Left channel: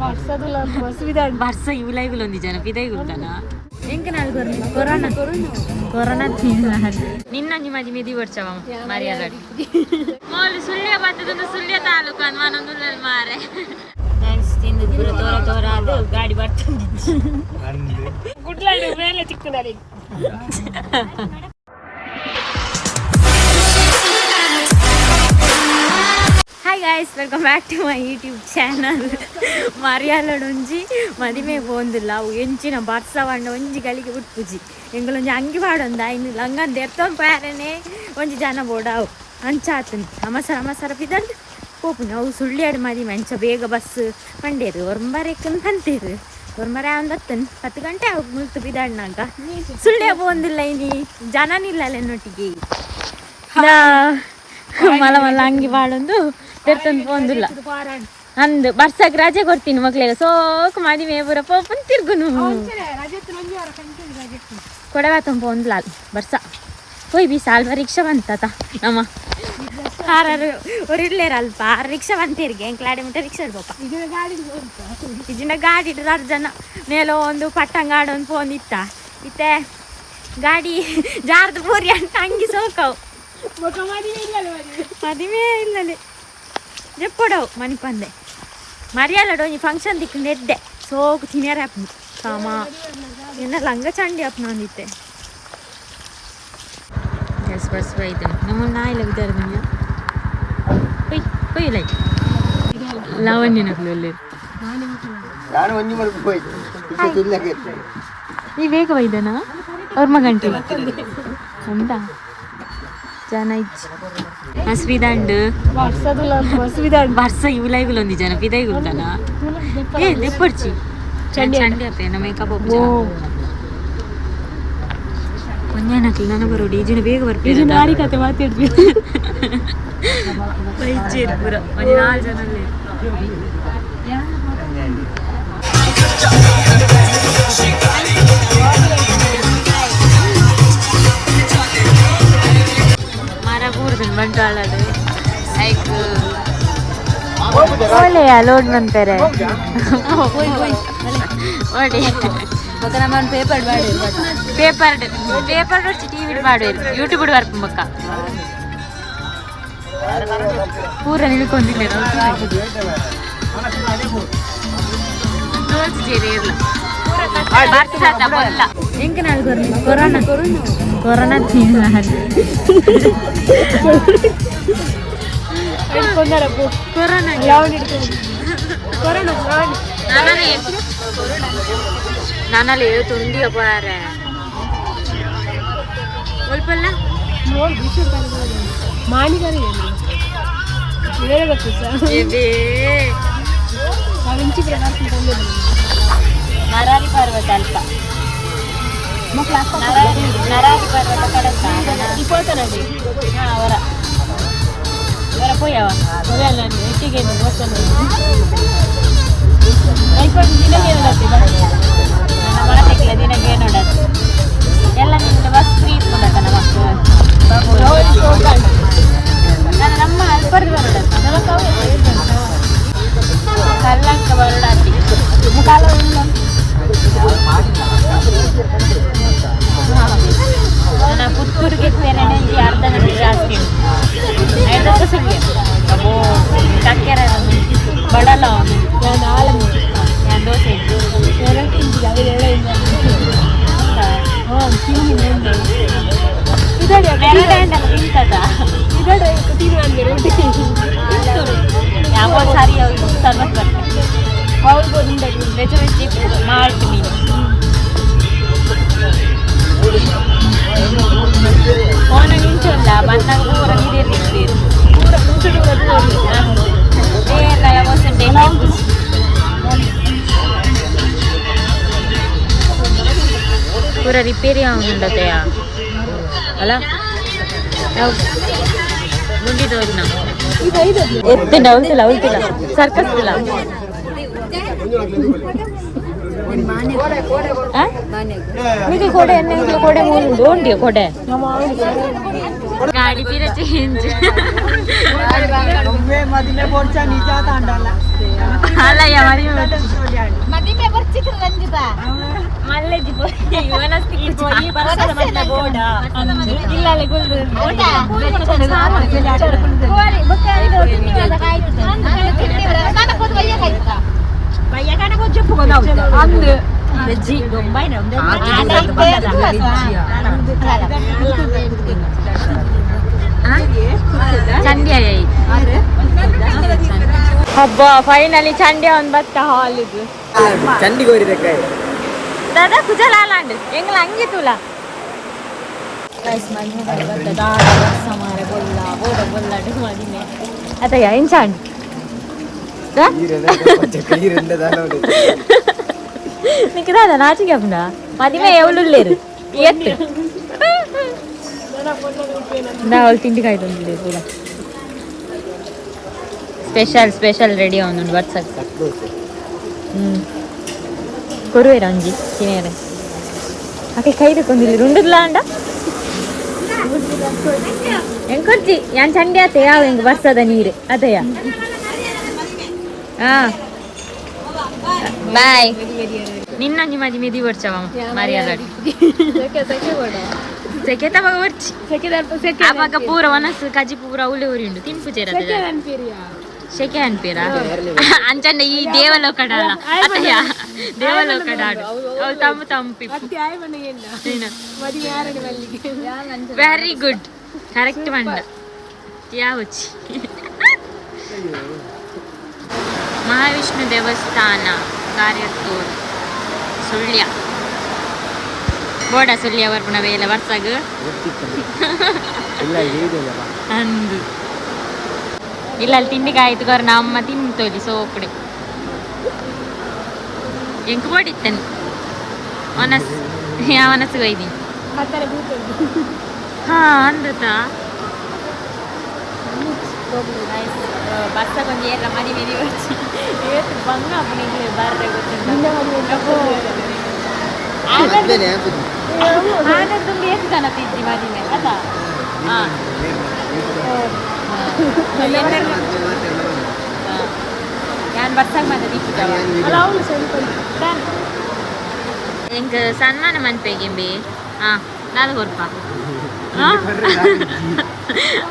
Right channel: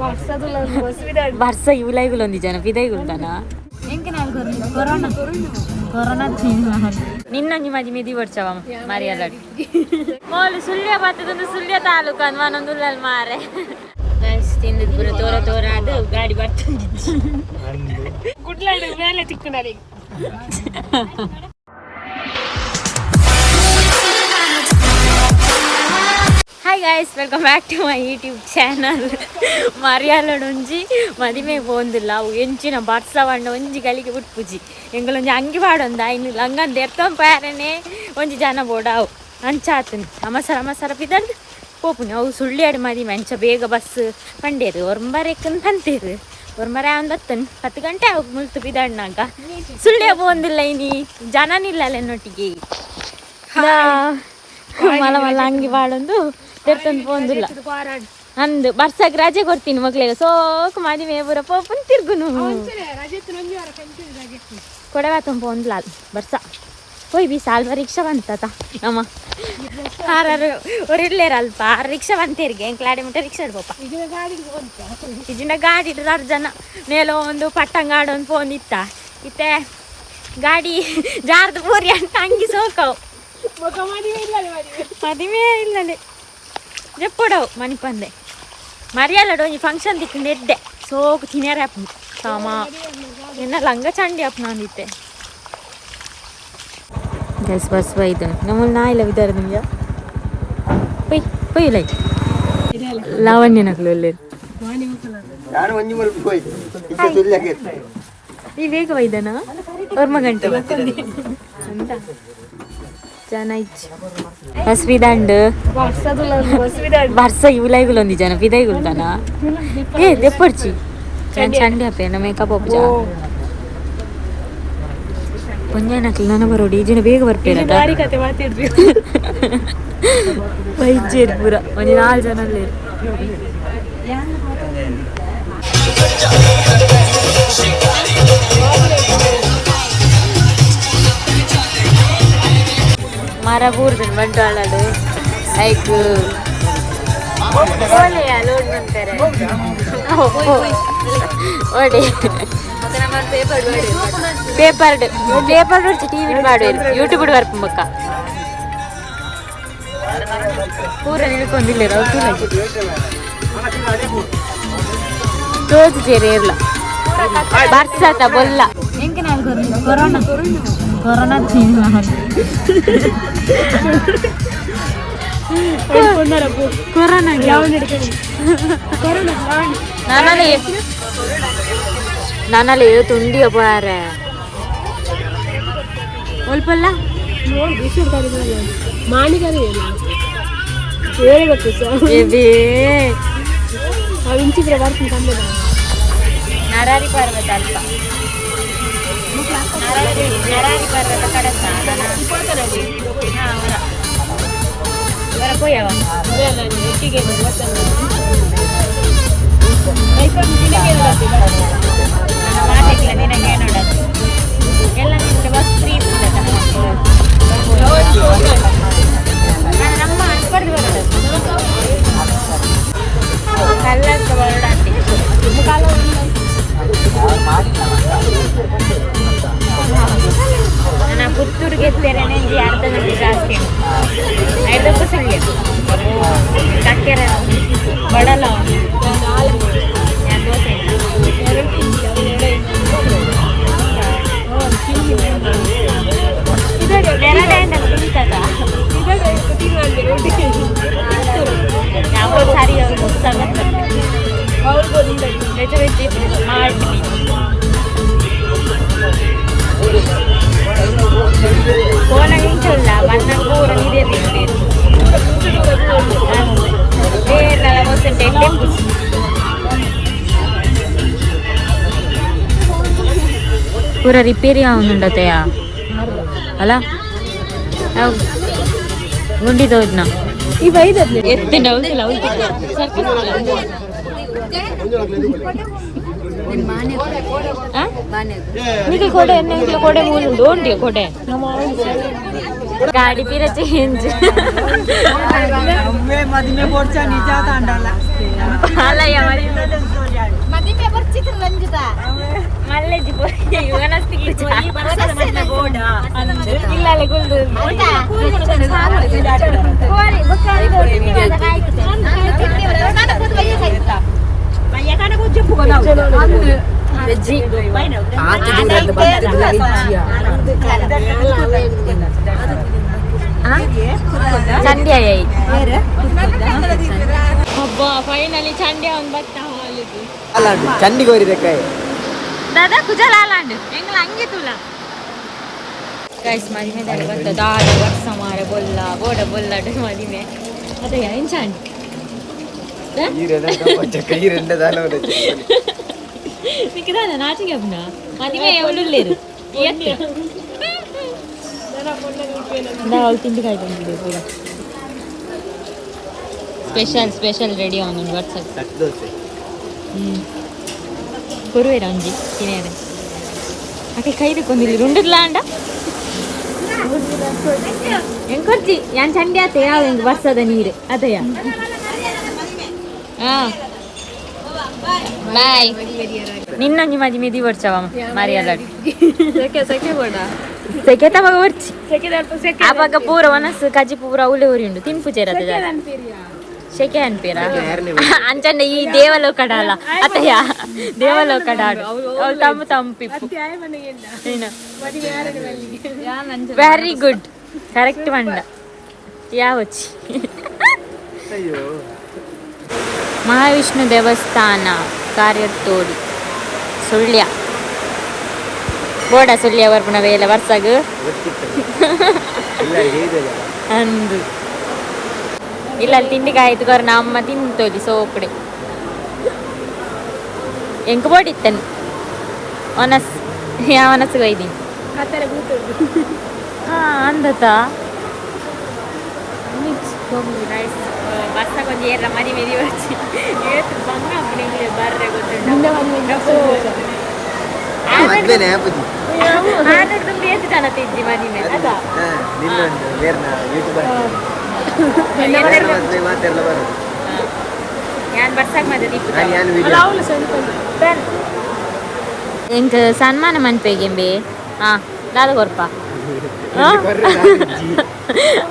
barsag ulai gulondi jana pidai gultana enke nal corona ninna onji madime deevocci mariyalad mol sulya battadondu sulya taluku anvanondullal mare guys tindu pura tora adu gaadi bartandi gudladu mele tikkunari Hi guys, welcome back to my YouTube channel. mariyalad onji madime bondilla enchina barsag vanda onji galige butpuji engalonji angi vaadonda inu langan derton parene onji jana bodav anchatun amasara pidad popuni avu sulliyadu madime ancha bega bus panderu ormbarekkan panteru ormare ondattan 10 ಗಂಟೆ ಆಗ ಮುಲ್ತು ಬಿದಾಡ್ನಾಗ ಸುಳ್ಯ ಬೊಂದಿಲ್ಲ ಇನಿ ಜನನಿಲ್ಲ ನೊಟ್ಟಿಗೆ ಮಲ ಅಂಗಿ ಬಾಳೊಂದು ತೆರ್ತಂದು ಪೋಂದಿಲ್ಲ ಅಂದು ಬರ್ಸಾಗ ರಜೆ ಕೊಡ್ತೀನಿ ಮಕ್ಳಿಗೆ soak ಮದಿಮೆ ಪೂರ ಪೋಪನ್ ತಿರ್ಗುನು ಕೊಡವಾತಂ ಪೋಂದ್ಲ ಬರ್ಸ ಹೋಯ್ ಬಿ ಸಾಲ್ವ ರಿಕ್ಷಾ ಬಂತತ ನಮ್ಮ ಹಾರಾರು ಒರಿರ್ಲೇರ ಅಲ್ಪ ರಿಕ್ಷಾ ಬಂತೇರಿಗೆ ಎಂಕ್ಲಾಡಿ ಮುಟ್ಟ ರಿಕ್ಷಾ ಇಡ್ಬೋಪ ಇಜಿನ ಗಾಡಿ ಇಡ್ರ ಜನ ನೇಲೋ ಒಂದು ಪಟ್ಟಂಗಾಡು ಒಂದು ಪೋಂದಿತ್ತ ಇತ್ತೆ ಗಾಡಿ ಜಾರ್ದು ಪೂರಿ ಅಂತ ಅಂಗಿ ಸೋಕವು madime illale jeppodaw mani pande mariyalad onji function dikkunde edde soku tinere apnu sama enna langa chandi apnu anditte guys bus vaidun namul naila vidarniya poi lai lavanya naklolle ನಾನು ಒಂಜಿ ಮಲ್ಪ ಹೋಯ್ತು ಇಲ್ಲಗೆ ಈ ಬೇಗ ವೈದನಾ orma gante ಅಂತ jana ich asvidandu barsag ulai gulondi jana pidai gultana deevocci chandi apena makeup opja ponjanakli nana barodi jina bega barpera dari kate maatidri vaicher pura onji 4 jana le मारा पूर्दन बंटाळाडु like ओलेया load मंतरे ओडे Makarand paper वरची TV बाडवेर YouTube वर्प मक्का पूरा निल्कोंदिल्ले रौतु लागिदे रोज जेरेरला बार्साग बोlla MK ನಾಲ್ corona ನಾನಲ್ಲಿ ತುಂಡಿ ಅಪಾರೆ ಒಲ್ಪಲ್ಲ ಮಾಡಿದಾರೆ ಬೇರೆ ಗೊತ್ತು ನರಾರಿ ಪರ್ವತ ಅಲ್ಪ ನರಾರಿ ಪರ್ವತ ಕಡಕ ಅವರ ಪೋಯವ ಒಟ್ಟಿಗೆ ನನ್ನ ಮಾತಿಲ್ಲ ನಿನಗೆ ನೋಡೋದು ಎಲ್ಲ ನಿಂತು ಬಸ್ ಫ್ರೀ ಇಟ್ಕೊಂಡ ಮಕ್ಕಳು ನಾನು ನಮ್ಮ ಪಡೆದು ಬರೋದು ಕಲ್ಲಂಕ ಬರಡಾತಿ ನನ್ನ ಪುತ್ತೂರಿಗೆ ತೆರणे ಅರ್ಧ ಗಂಟೆ ಜಾಸ್ತಿ ಐದಕ್ಕೂ ಸುಳ್ಯ ಅಬ್ಬೋ ಕಕ್ಕೆರ ಬಡಲ್ಲ ನಾನು ದೋಸೆ ಯಾವ ಸಾರಿ ಮಾಡ್ತೀನಿ ಫೋನ್ ನಿಂಚಲ್ಲ ಮನ್ನಾಗ ಪೂರ ನೀರಿರ್ತೀರಿ ಬೇರೆಲ್ಲ ಗೊತ್ತುಂಟೆ ಖುಷಿ ಪೂರ ರಿಪೇರಿ ಆಗುಂಡತೆಯ ಅಲ್ಲ ಮುಂದಿದವ್ರನ್ನ ಎತ್ತಿನ ಉಲ್ತಿಲ್ಲ ಸರ್ಕಸ್ ಇಲ್ಲ ಕೊಡೆ ಮೂಲುಂಡು ಉಂಟು ಕೊಡೆ ಗಾಡಿ ತೀರ ಚೇಂಜ್ ಅಲ್ಲ ಚಂಡಿ ಹಬ್ಬ ಫೈನಲಿ ಚಂಡಿ ಒಂದು ಬತ್ತ ಹಾಲ್ ಇದು ಚಂಡಿ ಕೋರಿದಕ್ಕೆ ದಾದಾ ಕುಜಲಾಲಾಂಡ್ ಎಂಗ್ಲ ಹಂಗೆ ತುಲ ಗೈಸ್ ಮದಿಮೆದಲ್ಲಿ ಬತ್ತ ದಾದ ವರ್ಷ ಮಾರೆ ಬೊಲ್ಲ ಬೋಡ ಬೊಲ್ಲಡು ಮದಿಮೆ ಅದ ಎಂಚಾಂಡ್ నీకు రాదా నాటికి అప్పుడా మదిమే ఎవరు లేరు ఎత్తు వాళ్ళు తిండికి అవుతుంది కూడా స్పెషల్ స్పెషల్ రెడీ అవుతుంది వాట్సాప్ కొరువే రంజి తినేరే అక్కడ కైదు కొంచెం రెండులా అంట ఎంకొచ్చి యాన్ చండి అతే ಯಾವ ಹೆಂಗ್ ಬರ್ತದ ನೀರು ಅതെಯ ಬಾಯ್ ನಿನ್ನೊಂಜಿ ಮದಿಮೆ ದಿವರ್ಚವ ಮರಿಯಲಡ್ ಸೆಕೆ ತವಾಗ ಬರ್ಚಿ ಆವಾಗ ಪೂರ ಒನಸ್ ಕಜಿ ಪೂರ ಉಳಿ ಉರಿ ಉಂಡು ತಿನ್ಪುಚೇರದ ಶೆಕೆ ಅನ್ಪೇರ ಅಂಚಂಡ ಈ ದೇವಲೋಕಡ ಅಲ್ಲ ಅತ್ತಯ್ಯ ದೇವಲೋಕಡ ಆಡು ಅವ್ಳು ತಮ್ಮ ತಂಪಿಪ್ಪು ವೆರಿ ಗುಡ್ ಕರೆಕ್ಟ್ ಮಂಡ ಯಾವಚ್ಚಿ ಮಹಾವಿಷ್ಣು ದೇವಸ್ಥಾನ ಕಾರ್ಯತೋಡಿ ಸುಳ್ಯ ಬೋಡ ಸುಳ್ಯ ಬರ್ಪುಣ ವೇಲೆ ವರ್ಷಗ ಅಂದು ಇಲ್ಲ ಅಲ್ಲಿ ತಿಂಡಿಗೆ ಆಯ್ತು ಗರ್ ನಮ್ಮ ತಿಂತೋಲಿ ಸೋಕಡೆ ಎಂಕ ಬೋಡಿತ್ತನ್ ಒನಸ್ ಯಾವ ಒನಸ್ಗೆ ಒಯ್ದೀನಿ ಹಾ ಅಂದತ ಬರ್ಸಕೊಂದು ಏರ್ಲ ಮರಿ ಮೇರಿ వచ్చి ಏತು ಬಂಗ ಅಪ್ಪನಿಗೆ ಬರ್ರೆ ಗೊತ್ತುಂಟು ಆನರ್ ತುಂಬ ಏತು ಜನ ತಿಜ್ಜಿ ಮರಿನೆ ಅದಾ ಯಾನ್ ಬರ್ಸಾಗ ಮಾದ ಎಂಕ್ ಸನ್ಮಾನ ಮನ್ಪೇಗೆಂಬೆ ಹಾ ದಾದ ಕೊರ್ಪ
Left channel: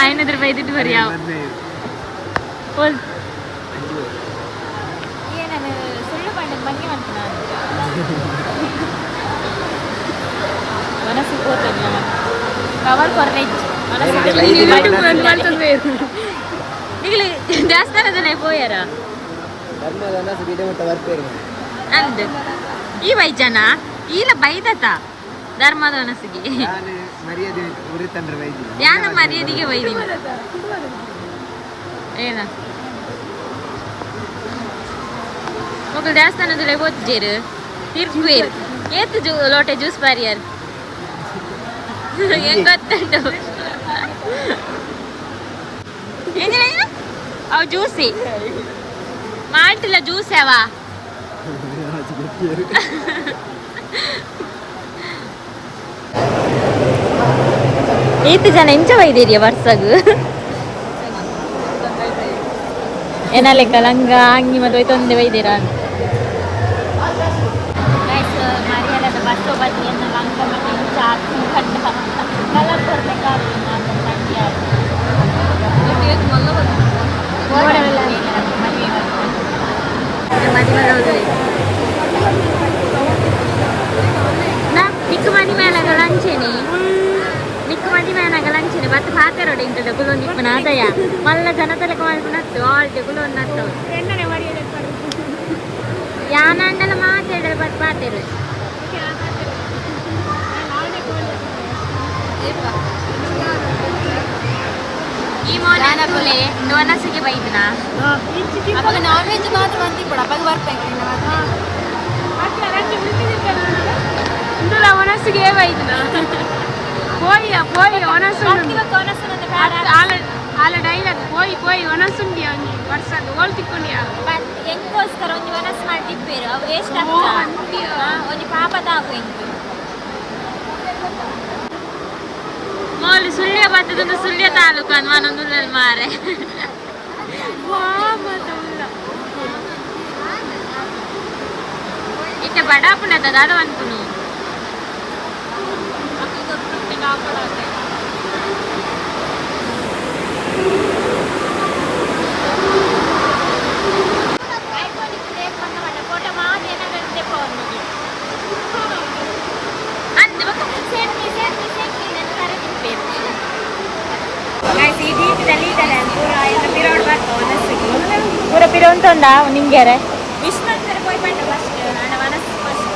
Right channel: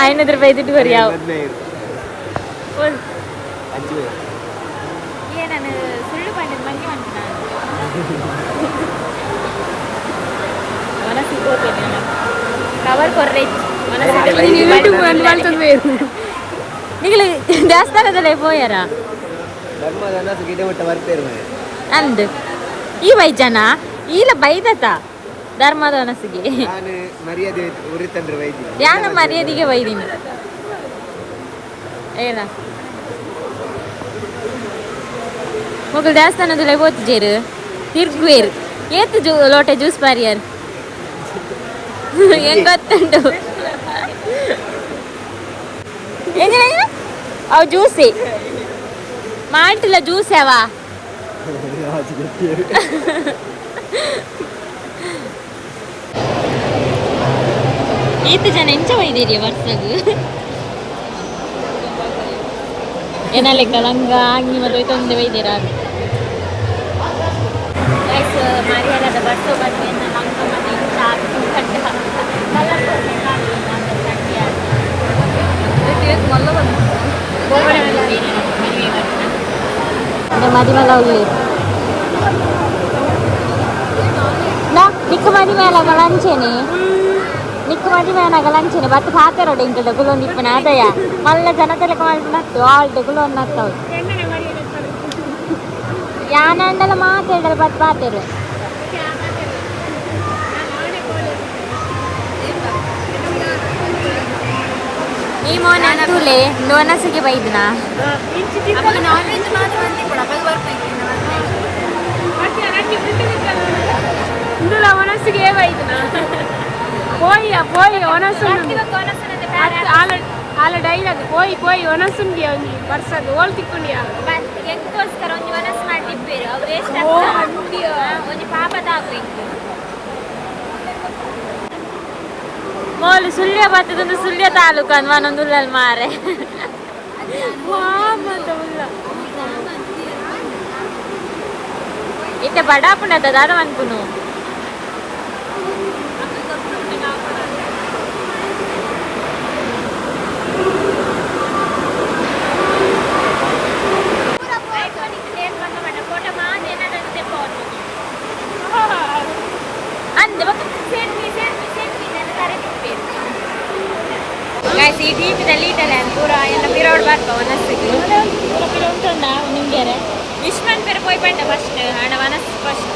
500 ರೂಪಾಯಿ ದುಡ್ಡು ಕೊರಿ ಯಾವ ನಾನು ಸುಳ್ಳು ಬಂದ ಮನೆ ಅಂತ ಮನಸ್ಸು ಹೋಗ್ತದೆ ಕವರ್ ಕೊರ್ರೆ ದೇವಸ್ಥಾನದಲ್ಲೇ ಹೋಯನ ಅಂದು ಈ ಬೈ ಜನ ಈಲ ಬೈದತ ಧರ್ಮದ ಮನಸ್ಸಿಗೆ ಯಾನ ಮರ್ಯಾದೆಗೆ ಬೈದಿನಿ ಏನ ಮಗಳು ದೇವಸ್ಥಾನದಲ್ಲೇ ಹೋಗ್ತಿದ್ದೀರು ತಿರ್ಗುವೇರು ಏತು ಲೋಟೆ ಜ್ಯೂಸ್ ಮಾರಿಯಾರು ಹೆಂಗ್ ಗೊತ್ತುಂಟು ಅವು ಜ್ಯೂಸಿ ಮಾಲ್ಟಿಲ್ಲ ಜ್ಯೂಸ್ ಯಾವ ಈತು ಜನ ಎಂಚ ಬೈದೇರಿಯ ವರ್ಷಗ ಏನಾಲೆಕ್ಕ ಲಂಗ ಅಂಗಿ ಮತ್ತೆ ಒಯ್ತೊಂದೆ ಬೈದೇರ ಮರಿಯಲದ ಬರ್ಸೋ ಬನ್ನಿ ಮಂಗ ಮತ್ತೆ ಕಲರ್ ಮದಿಮೆಲ್ಲ ನಿಕ್ಕ ಮದಿಮೇಲಗ ಲಂಚೆನೆ ನಿಕ್ಕ ಮದಿಮೇಲಗ ಲಂಚೆನೆ ಬತ್ತು ಪಾತೆರೋಡು ಇಂಟದ ಕುಲೊಂದು ಇಪ್ಪನ ಅದಯ್ಯ ಮಲ್ಲ ಜನತಲೆಕ ಮಾಡಿಬಿಟ್ಟು ಆಲ್ಟೆ ಕುಲೊಂದು ಹತ್ತವು ಯಾನಂಡಲ ಮಾತಾಡಲು ಬತ್ತು ಪಾತೆರು ಈ ಮೋನೆ ತೂಲೆ ನೋನಸಿಗೆ ಬೈದ್ನ ಒನಸಿಗೆ ಬೈದ್ನ పోయి పోయి ఒనసుండు ఆల డైలాగ్ పోయి పోయి ఒనసుండి ಅವ್ನಿ ಬರ್ಸದ ಓಲ್ ತಿಕ್ಕೊಂಡಿಯಾ ಎಂಕೋಸ್ಕರ ಒಂಜಿ ಒನಸ್ ಮಾಡಿ ತಿಪ್ಪೇರು ಅವ್ರು ಎಷ್ಟು ಓ ಅಂದಿಯ ಒಂಜಿ ಪಾಪದ ಆಪು ಮೋಲು ಸುಳ್ಯ ಬತ್ತದೊಂದು ಸುಳ್ಯ ತಾಲೂಕು ಅನ್ವಾನೊಂದುಲ್ಲಲ್ ಮಾರೆ ವಾ ಮತ ಉಲ್ಲ ಇತ್ತ ಬಡಾಪುಣದ ದಾದ ಅನ್ಕುನು ಫೋಟೋ ಮಾಡಿ ಏನಾಗುತ್ತೆ ಅಂತ ಗೈಸ್ ಈ ದೀಪದಲ್ಲಿ ಇಟ್ಟಲ್ಲ ಪೂರ ಎಲ್ಲ ಪಿರೋಡ್ ಬರ್ತಾವ ಮನಸ್ಸಿಗೆ ಪೂರ ಪಿರೋ ಉಂಟೊಂಡ ನಿಮ್ಗೆ ವಿಶ್ವನ್ ಪೇರು ಪೋಯ್ ಪಂಡ ಫಸ್ಟ್ ನನ್ನ ಮನಸ್ಸು ಫಸ್ಟ್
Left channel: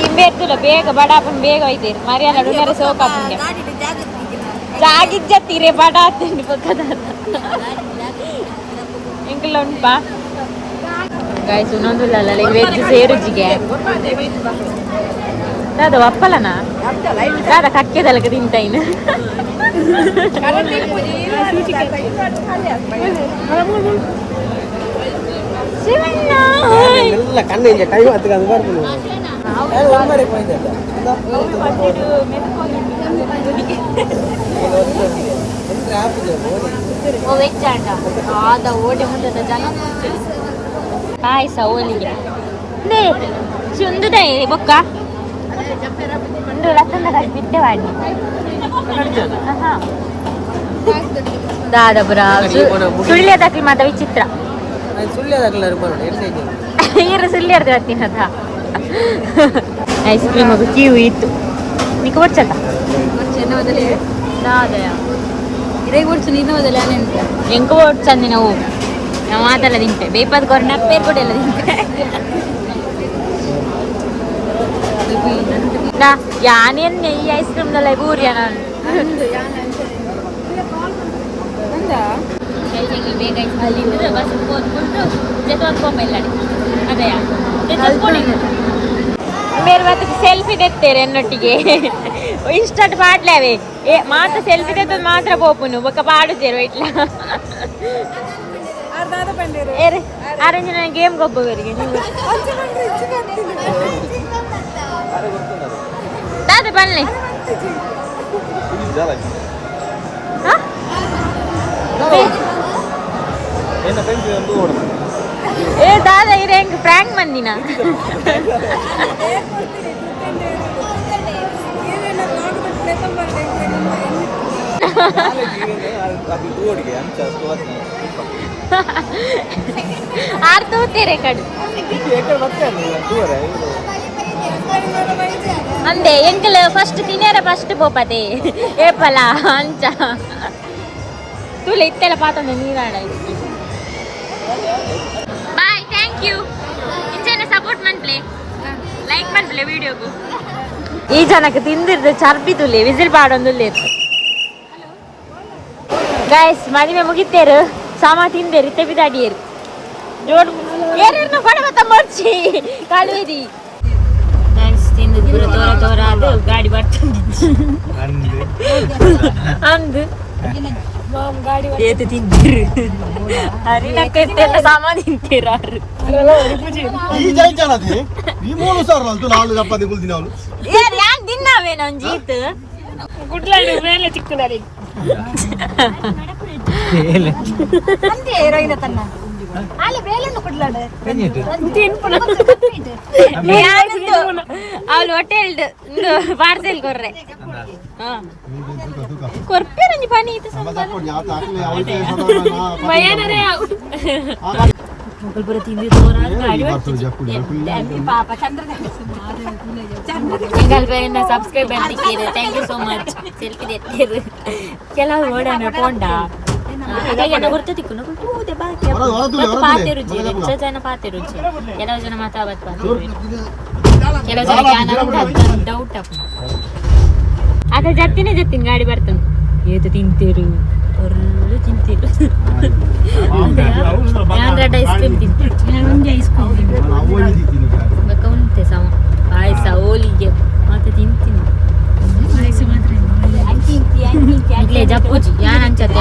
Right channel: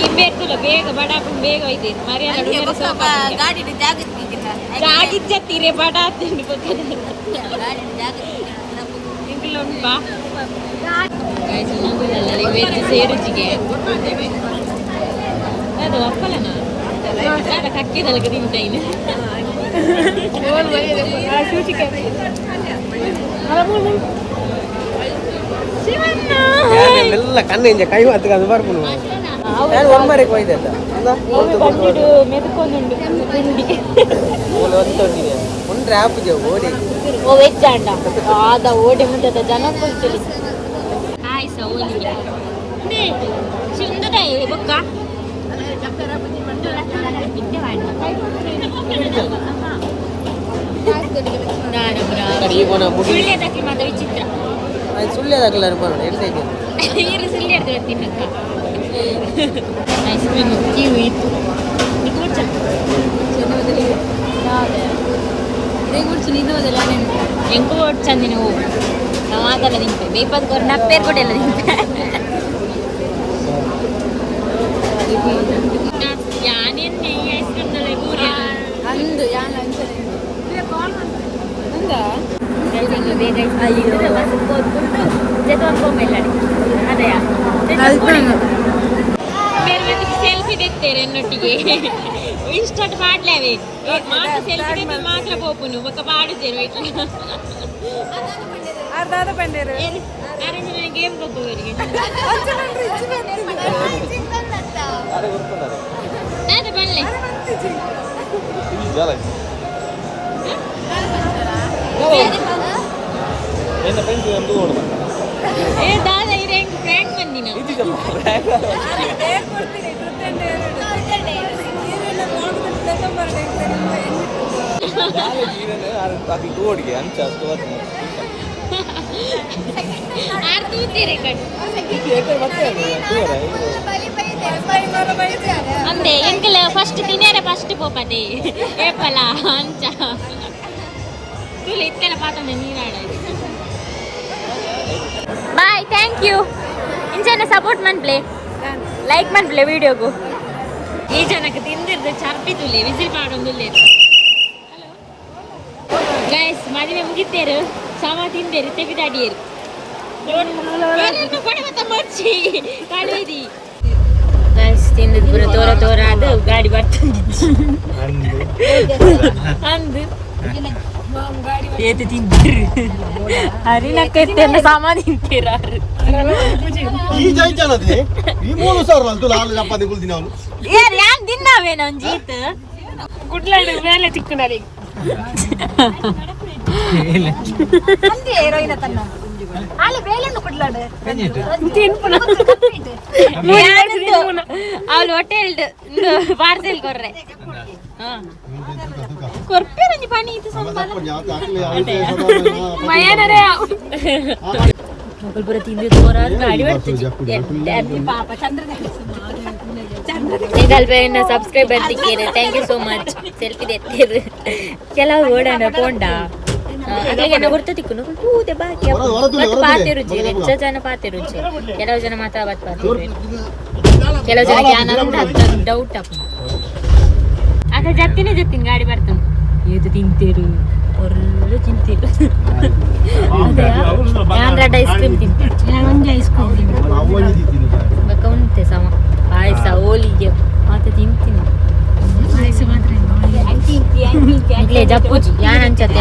ಹಿಂಬೇರ್ತಲ್ಲ ಬೇಗ ಬಡಾಪನ್ ಬೇಗ ಒಯ್ತೀರಿ ಮರಿಯಲ್ಲ ಡುಂಗರ ಸೋಪ ಜಾಗಿಜ್ಜತ್ತೀರಿ ಬಡ ತಿಂಡಿ ಪಕ್ಕದ ಇಂಕಲ್ಲ ಉಂಟಾ ಗಾಯ್ಸು ಇನ್ನೊಂದಿಲ್ಲ ವೆಜ್ ಸೇರುಜಿಗೆ ಅದು ಅಪ್ಪಲನಾ ಅದ ಕಕ್ಕೆದಲ್ಲ ತಿಂತಾಯಿನ ಎಲ್ಲ ಕಣ್ಣಿಂದ ಕೈ ಮಾತು ಅದು ಮಾಡ್ಕೊಂಡು ಪಾಯಸ ಹೋಲಿಗೆ ಚುಂದುದೇ ಬೊಕ್ಕ ಒಂದು ರಸಂದ ಬಿಟ್ಟೆ ಮಾಡಿ ದಾದ ಬುರ ಸುಳ್ಳ್ಯದಾಕಿ ಮಾತ ವಿಚಿತ್ರ ಈರು ಸುಳ್ಳ್ಯರ್ದು ತಿನ್ನದ ಐಸ್ ಕ್ರೀಮ್ ಅದು ಕ್ಯೂ ಇತ್ತು నీకు వచ్చట ఇదే కూర్చుని ఇన్న వదల ఎంక వచ్చంది నువ్వు నా మాటల దింపే బేపది కొర నా పేరు కూడా ఇలా దింపే యానేన్ నెయ్యి ఐస్ క్రీమ్ నల్ల బూరియా ಬೇಗ ಇದ್ರೆ ಬಸ್ ಕೂತ್ಕೊಂಡು ಜೊತೆಗೊಂಡ್ಕೊಂಬಲ್ಲ ಅದೇಯಾ ಮೇರೆ ಮತ್ತೆ ಸೆಲ್ಫಿ ತೆತ್ತೇರೆ ಎನ್ನೊಟ್ಟಿಗೆ ಇಷ್ಟಟ್ಟು ಪಾಡ್ಲೇವೆ ಮಾತ್ರ ಸೆಲ್ಫಿ ತೆತ್ತದು ಮಾತ್ರ ಪೋಪುನು ಬೊಕ್ಕ ಪಾಡುತ್ತೇರು ಇಟ್ಲ ಆರೆಂಜ್ ನನಗೆ ಗೇಮ್ ಗೊಬ್ಬವರಿಗೆ ದಾದ ಬನ್ನಿ ಏ ದಾದಾ ಇರ ಹೆಂಗ್ ಫ್ರ್ಯಾಂಕ್ ಮಂದಿನ ಆಡ್ತೂತೀರಿ ಕಡೆ ಅಂದೆ ಎಂಕಲ್ ಫಸ್ಟ್ ತಿನ್ಯಾರ ಫಸ್ಟ್ ಪೋಪದೆ ಏಪಲ ಅಂಚ ತುಲೆ ಇತ್ತೆಲ್ಲ ಪಾತಂದೆ ನೀರಾಡ ಬಾಯ್ ಥ್ಯಾಂಕ್ ಯು ಇಂಚನೆ ಸಪೋರ್ಟ್ ಮನ್ಪ್ಲೆ ಲೈಕ್ ಮನ್ಪ್ಲೆ ವಿಡಿಯೋಗು ಈ ಜನಕ್ಕೆ ತಿಂದಿರ್ದು ಚರ್ಪಿ ತುಲೆ ವಿಸಿಲ್ ಪಾಡೊಂದುಲ್ಲೆ ಗೈಸ್ ಮದುವೆ ಮುಗಿತೇರು ಸಾಮ ತಿಂದೇರಿ ತೆಬಿದಾಡಿಯೇರು ಜೋಡ್ ಏನೇನು ಕೊಡೆ ಮತ್ತ ಮರ್ಚಿ ಕಾಳುವೇದಿ ಗೈಸ್ ತಿಂದು ಪುರ ತೋರ ತೋರ ಅದು ಗಾಡಿ ಬರ್ತದೆ ಅಂದು ಏತ ತಿಂತೀರಿ ಸಾಮ ತಿಂತೀರಾರು ಯಾರು ಯಾಕೆ ತಿನ್ನಾವೇ ನಾನು ಜೀತ್ ಕುಡ್ಲಾಡು ಮೇಲೆ ಚಿಕ್ಕನಾಡಿ ಅವಳು ಹೋಟೆಲ್ ಪಾರ್ಸೆಲ್ ಕೊರ್ರೆ ಕೊರ್ಪೆ ನಂಜಿ ಪನಿ ಇತ್ತು ಮೊಗಲ್ಪುರ ತಿಂದು ತೋರಾರು ಗಾಡಿ ಬರ್ತೀವಿ ಪಾಪ ಚಂದ್ರ ಸಬ್ಸ್ಕ್ರೈಬ್ ಬರ್ತಿಕ್ಕೇರಿ thank you so much selfie ತೆತ್ತೇರು ಕೆಲವು ಓಡೋಣ ಪೋಂಡ ಅದ್ರಾಗ ಗುರ್ತ ತಿಕ್ಕು ಕೂತೆ ಬಾಕಿ ಮತ್ತು ಪಾತೆ ರುಚಿ ಹೆಚ್ಚು ಜನ ಪಾತೆ ರುಚಿ ಕೆಲವು ಜನ ಮಾತ್ರ ಅವತ್ತು ಪಾತೆ ಕೆಲವು ಜನ ಡೌಟ್ ಅಪ್ಪ ಅದ್ರ ಜತ್ತಿನೇ ಜತ್ತಿನ ಗಾಡಿ ಬರ್ತಾನೆ ಏದು ತಿಂತೇರು ಒಳ್ಳೆ ತಿಂತೀರು ಯಾಂಗ್ರಾಡ್ ಐಸ್ ಕ್ರೀಮ್ ತಿಂತೀರು ಒಂದೇ ಐಸ್ ಕ್ರೀಮ್ ಬಕ್ಕ ಉಂಟೆ ಸಮ ಪಾಯಸ ಹೋಳಿಗೆ ಮತ್ತೆ ತಿಂತೀನಿ ಪಾಯಸ ಮಾತ್ರ ಇಲ್ಲೇ ಜಪ್ಪುಜಿ ಯಾನ್ ಅಂಚತ್ತೆ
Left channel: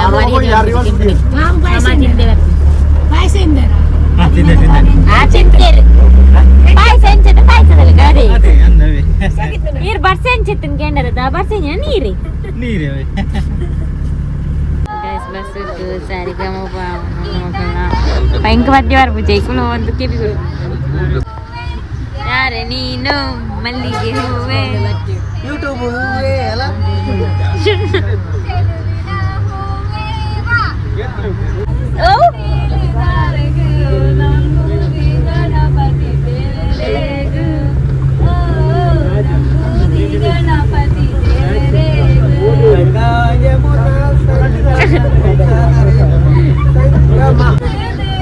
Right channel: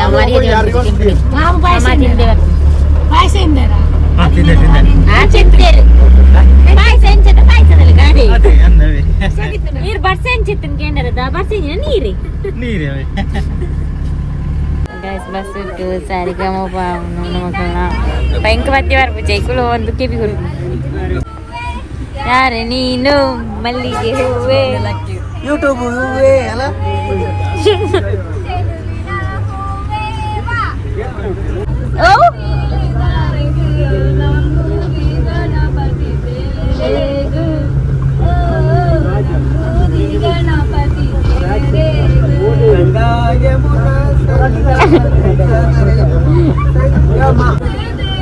ಪಾಯಸ ತಿಂತೇರು ಪಾಯಸ ಎಂಚತ್ತೆ ಪಾಯಸದಲ್ಲಿ ಗಾಡಿ ನೀರು ಬರ್ಸೆ ಎಂಚೆತ್ತಿನ ಕೇಂದ್ರದ ಬರ್ಸೆ ನೀರೇ ಸರಿಗಮಪ ಮಕ್ಕಳನ್ನ ಭಯಂಕ ಮಧ್ಯವಾರ ಪೂಜೆ ಕುಲ ಒಂದು ಕಿವಿಗಳು ಯಾರೇ ನೀನು ಮಲ್ಲಿಗೆ ಹೂವೇ ಯೂಟ್ಯೂಬ್ ಹೂವೇ ಅಲ್ಲ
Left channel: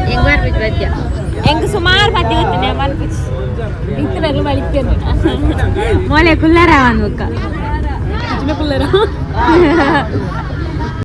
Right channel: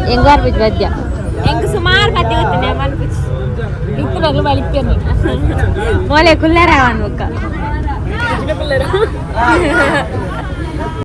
ಹೆಂಗ್ ಬರ್ಬಿಟ್ಟು ಮಧ್ಯ ಹೆಂಗ್ ಸುಮಾರು ಮಧ್ಯ ಗೊತ್ತೇನೆ ಮನ್ಪುಚ್ಚಿ ಮೊಳೆ ಕುಲ್ಲರ ಅನ್ಬೇಕ